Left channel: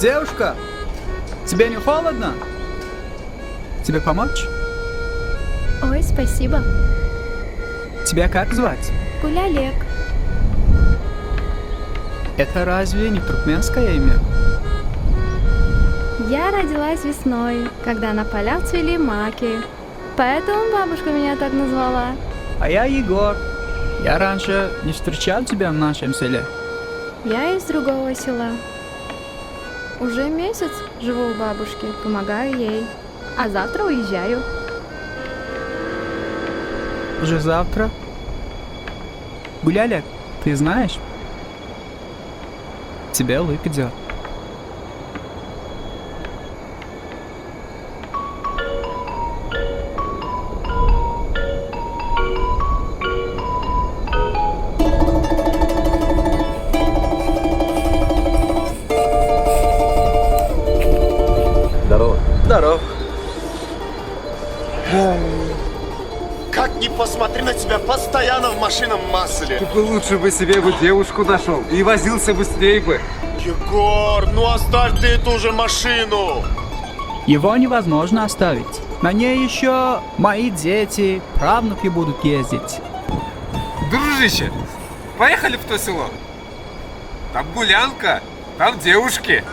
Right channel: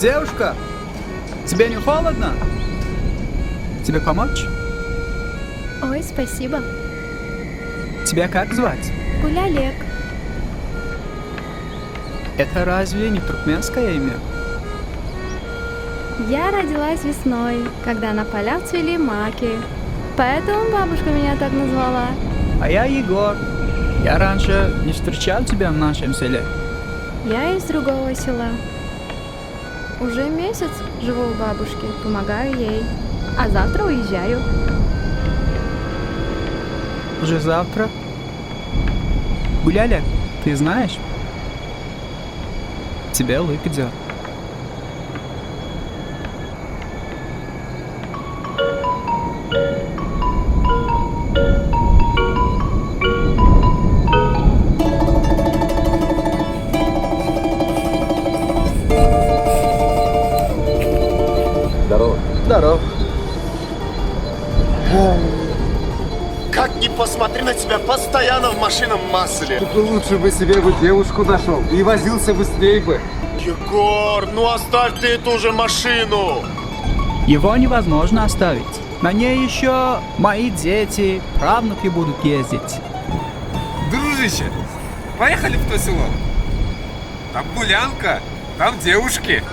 Девушка, тебе не холодно? Тебе помочь? Ой, спасибо. Тебя как звать? Гулялек. Это разве не туркменское имя? Я родилась весной, когда на полях цвели маки. Поэтому бабушка меня так назвала. А я Егор. Я раньше не встречал тебя в нашем селе. Я из другого села. Уже месяц живу у бабушки, помогаю ей. А завтра уезжаю. Уже завтра? Гуляли, ты знаешь? Тебе лык идет. Здорово. Здоров. Как ни посмотри на тебя, постоянно в машинном масле. Ты бы лучше бы себе девушку нашел и возился быстрее бы. Егор, ну оставь ты эту же машину. Его невозможно оставить. На ней еще мои дети, правнуки будут ездить. Дружище, поехали в то село. Там гулянка, там девушки.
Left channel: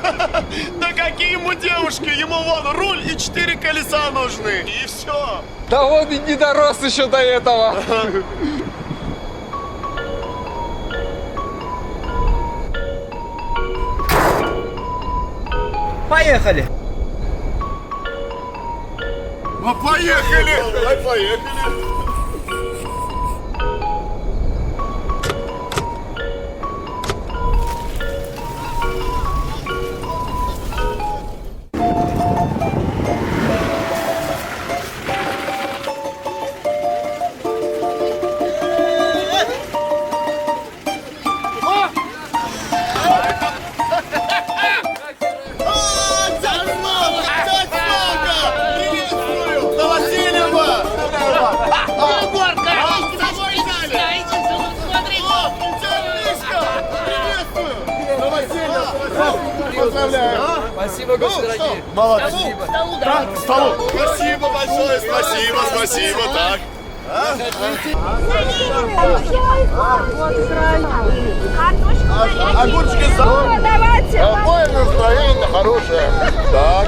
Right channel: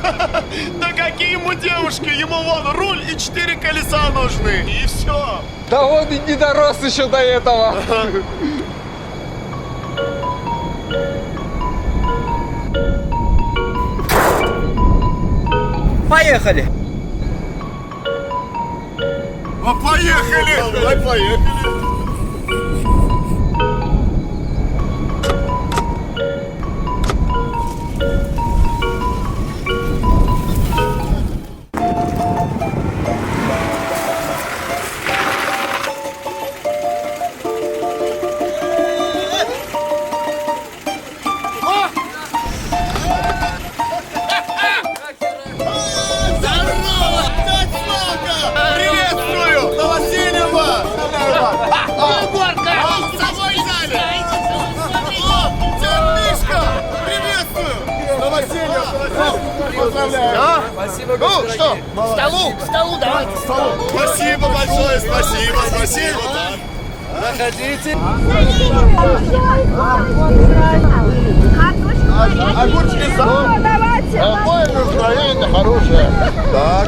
Да какие ему девушки? Ему вон руль и 4 колеса нужны. И все. Да он и не дорос еще до этого. Поехали! А поехали! Давай поехали! Спасибо, что? Молодец. К столу, давайте. К столу. Спасибо большое, спасибо, так. Заходите. Огурчики за. Давайте. Какое настроение хорошее. Так.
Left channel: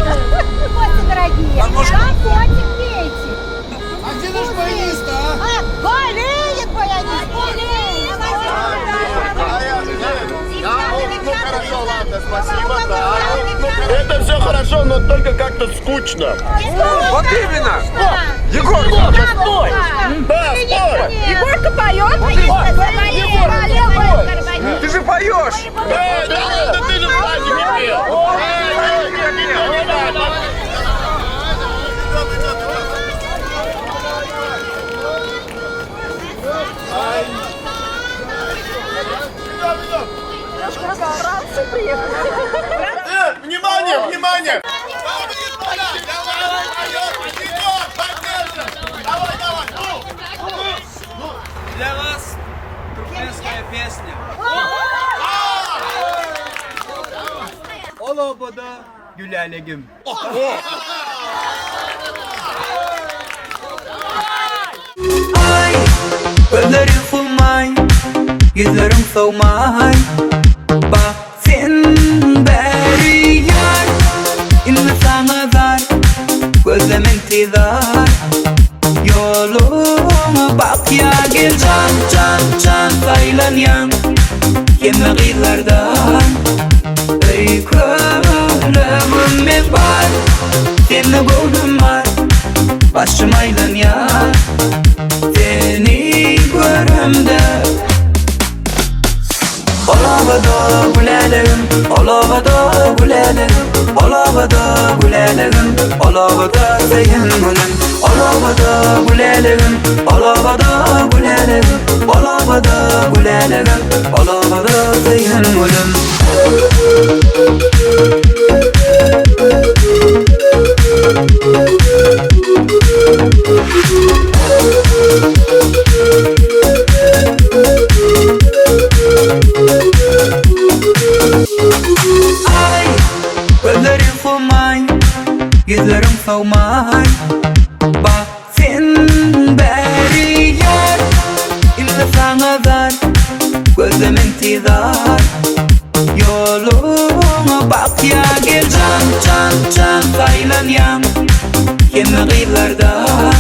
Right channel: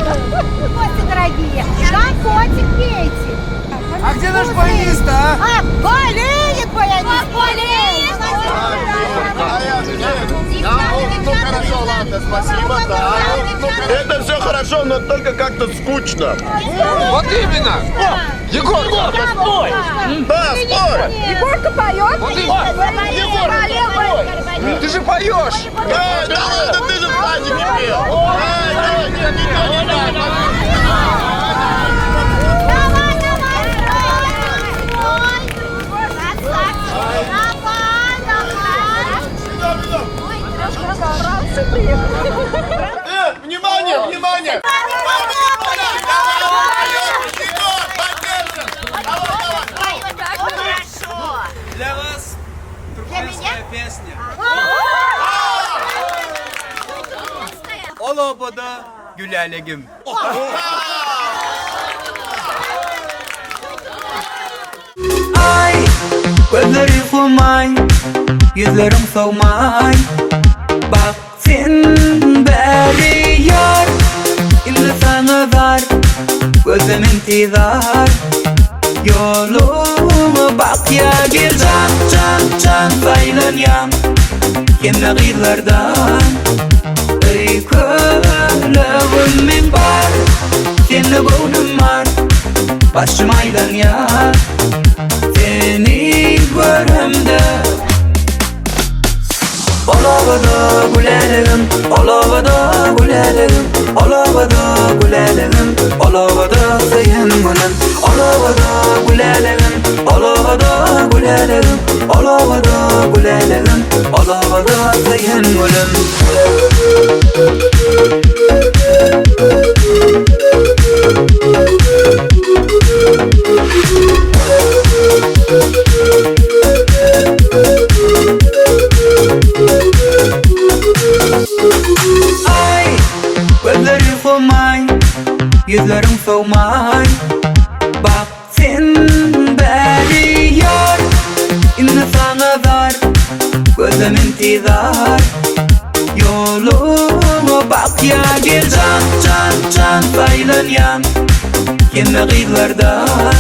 Гости дорогие, компотик пейте. А где наш баянист, а? Болеет баянист, болеет. Ну хорошо, ладно, спасибо, да. Это все хорошо, но только как-то скучно. Вот именно! Егор! Спой! Да, спой! Егорка поет. Вот ты же поешь! Да ладно, ты же в садике пел. Внимание, внимание! Для вас туркменская песня. Олобода Гülялегim. Ай, подарил хумай. yüzlerin soğumay. Bak sen beri yar, indi sana zar, gözüm intizar. Yoluma bak ya gel can can can saylanyan kemme gıylardan. Ey kömlevim ben var, seni buldum var, başım aylanyan seni görümde. Olavada gülelim, olavada gülelim, olavada gülelim, olavada seyhen gülen. Olavada gülelim, olavada gülelim, olavada gülelim, olavada seyhen gülen. Ay, gözleri kumay, yüzlerin soğumay. Bak sen beri yar, indi sana zar, gözüm intizar. Yoluma bak ya gel can can can saylanyan kemme gıylardan.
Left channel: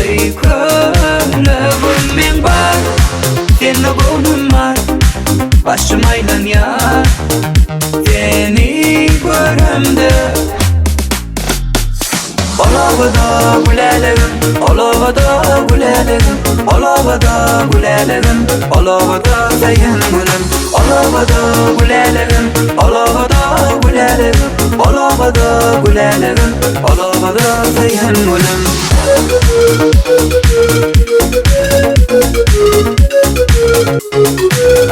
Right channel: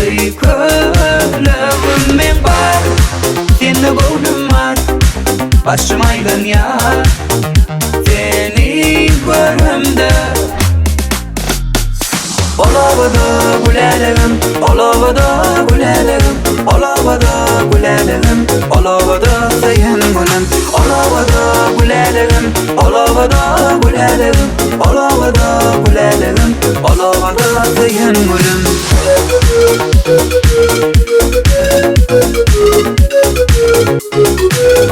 Ey kömlevim ben var, seni buldum var, başım aylanyan seni görümde. Olavada gülelim, olavada gülelim, olavada gülelim, olavada seyhen gülen. Olavada gülelim, olavada gülelim, olavada gülelim, olavada seyhen gülen.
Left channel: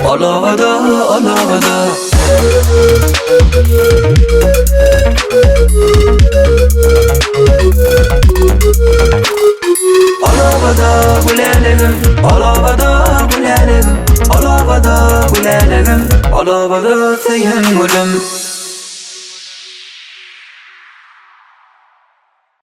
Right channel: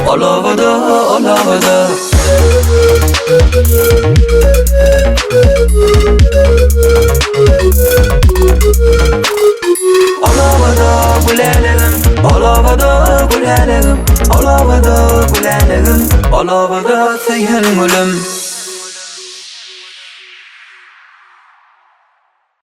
Olavada, olavada. Olavada gülelim, olavada gülelim, olavada gülelim, olavada seyhen gülen.